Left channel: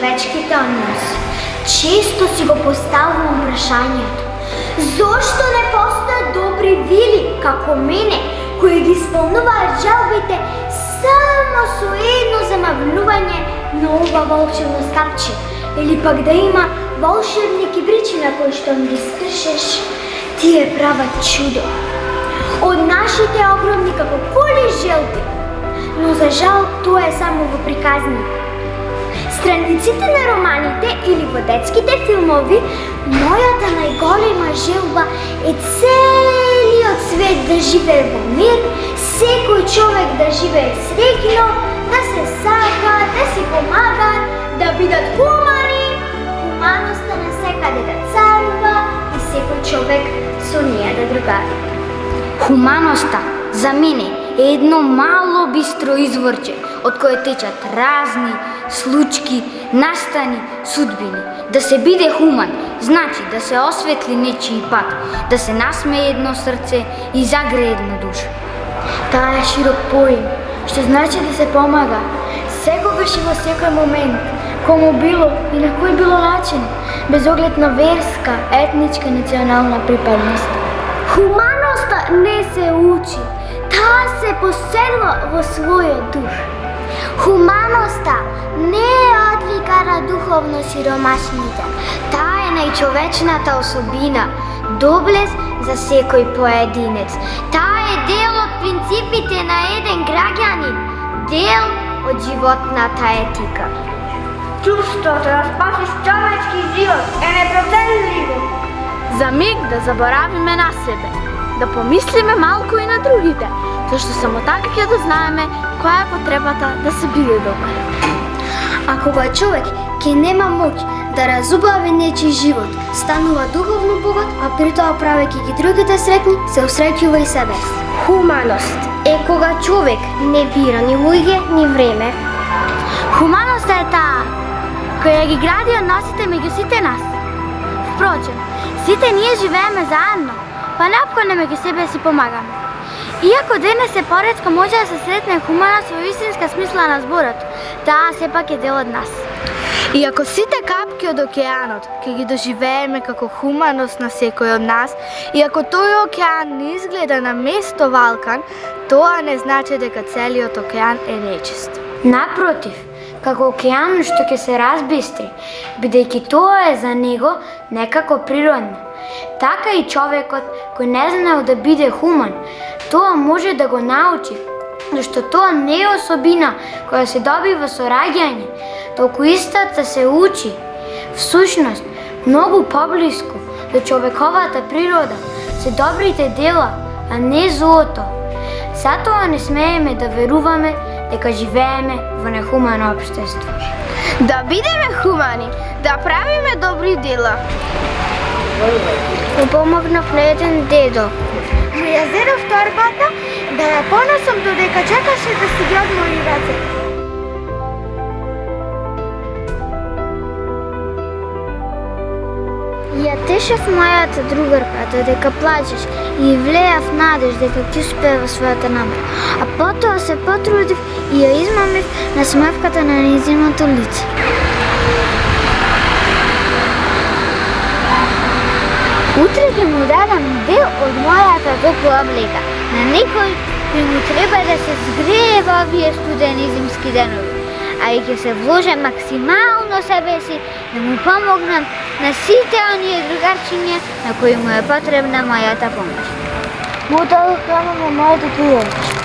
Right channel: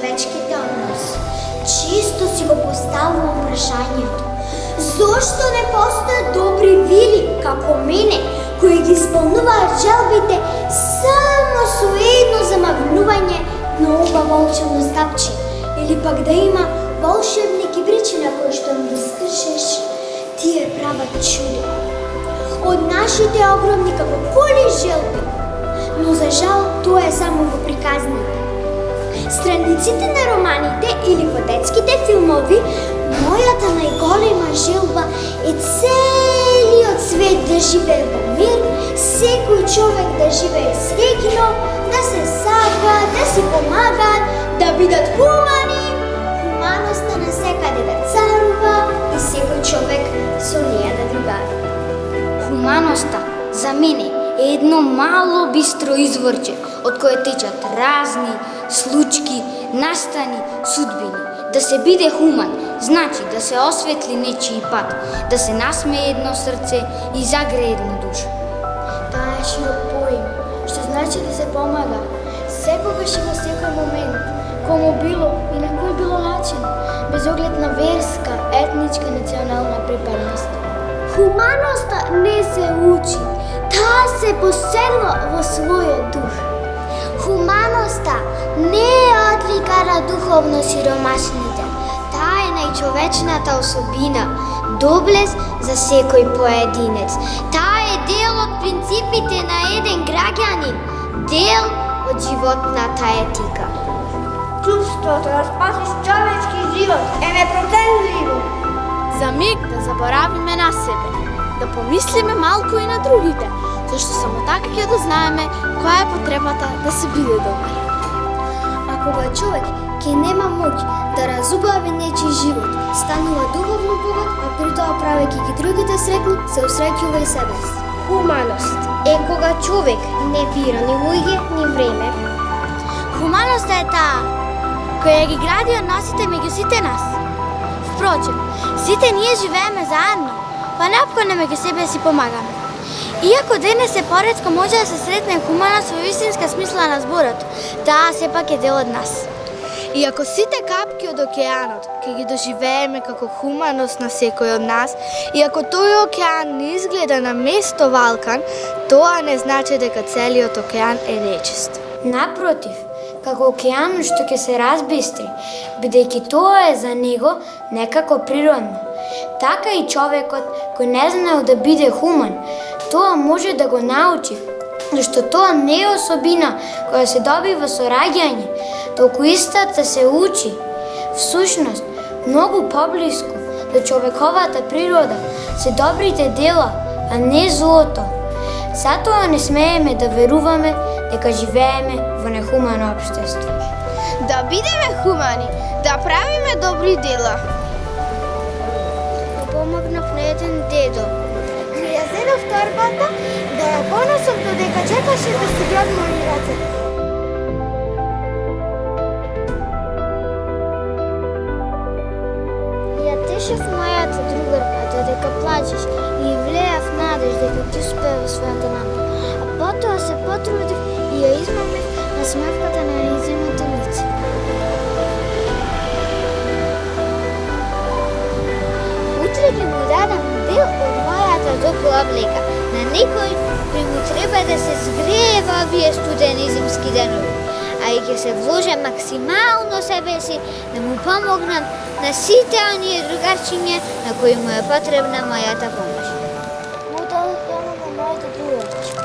меѓучовечките односи. Често си го поставувам прашањето. Зошто не постојат добри вили како мене, кои ги исполнуваат жалбите само со едно замавнување на ова волшебно стапче, или пак да има волшебни кибричи на кои што ми скршеш, тие прават чудо. Од нашите огромни како воли желби, но за жал тоа е само во приказни. Страниците на романите или во детските филмови, мојата најголема желба е целиот свет да живее во мир, секој човек да живее среќно, да се сака, да си помага, да бидат хумани, хуманоста на секаде да царува и секој човек со неја да другари. Хуманоста за мене е едно мало бистро изворче од кое течат разни случки, настани, судбини. Да се биде хуман значи да се осветли нечiji пат, да се насмее едно срце и загрее една душа. Таа е широк поим, што значи да се помага, секогаш и во секој момент, кому било и на кој било начин, без оглед на верска, етничка, национална припадност. Хуманоста не се учи, таа се поселува во своја душа. Хуманоста не е одлика на духовно сиромашните. Таа е најчовечната особина, доблест за секој поединец. Таа е дел од принципите на еден граѓанин, дел од животната етика. Чувството да спасиш човечки живот е непроменливо. За миг да заборавиме на себе, да помислиме малку и на другите, зашто само така ќе да знаеме која е потребата да се биде добар. А кога човек ќе нема моќ да разубави нечи живот, станува духовно богат, а при тоа правејќи ги другите сретни, се усреќува и себе. Хуманост е кога човек не бира ни луѓе, ни време. Хуманоста е таа која ги гради односите меѓу сите нас. Впрочем, сите ние живееме заедно, па неопходно меѓу себе си помагаме. Иако денес е поретко може да се сретне хуманост во истинска смисла на зборот, таа сепак е дел од нас. И ако сите капки од океанот ќе ги доживееме како хуманост на секој од нас, и ако тој океан не изгледа на место валкан, тоа не значи дека целиот океан е нечист. Напротив, како океанот што ќе се разбистри, бидејќи тоа е за него некако природно. Така и човекот кој не знаел да биде хуман, тоа може да го научи, зашто тоа не е особина која се добива со раѓање, толку истата се учи. Всушност, многу поблиску до човековата природа се добрите дела, а не злото. Затоа не смееме да веруваме дека живееме во нехумано општество. Да бидеме хумани, да правиме добри дела. Му помогнав на еден дедо. Ја зедов торбата да ја понесам додека чекаше да си ги одмори рацете. Ја тешев мојата другарка додека плачеш и влеав надеж дека ќе успее во својата намера. А потоа се потрудив и ја измамив на смевката на нејзиното лице. Утре ќе му дадам дел од мојата топла облека на некој кој му треба да се сгрее во овие студени зимски денови, а и ќе се вложам максимално себе си да му помогнам на сите оние другарчиња на кои му е потребна мојата помош. Му дадов храна на мојата другарчиња.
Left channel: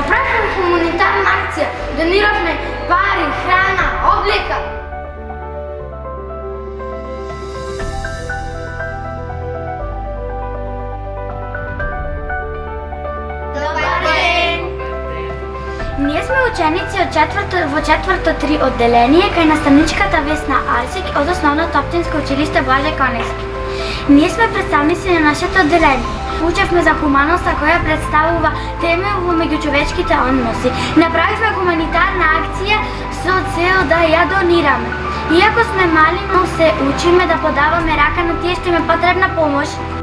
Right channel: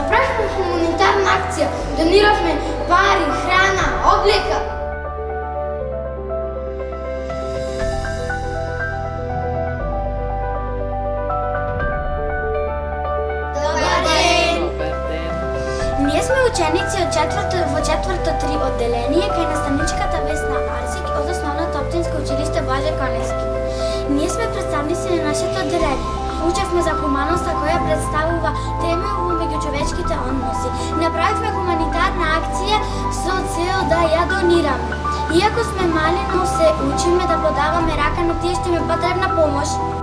Направивме хуманитарна акција, дониравме пари, храна, облека. Во четврто 3 одделение кај наставничката Весна Арсик од Основното општинско училиште Блаже Коневски. Ние сме представници на нашето одделение. Учевме за хуманоста која представува тема во меѓучовечките односи. Направивме хуманитарна акција со цел да ја донираме. Иако сме мали, но се учиме да подаваме рака на тие што има потребна помош.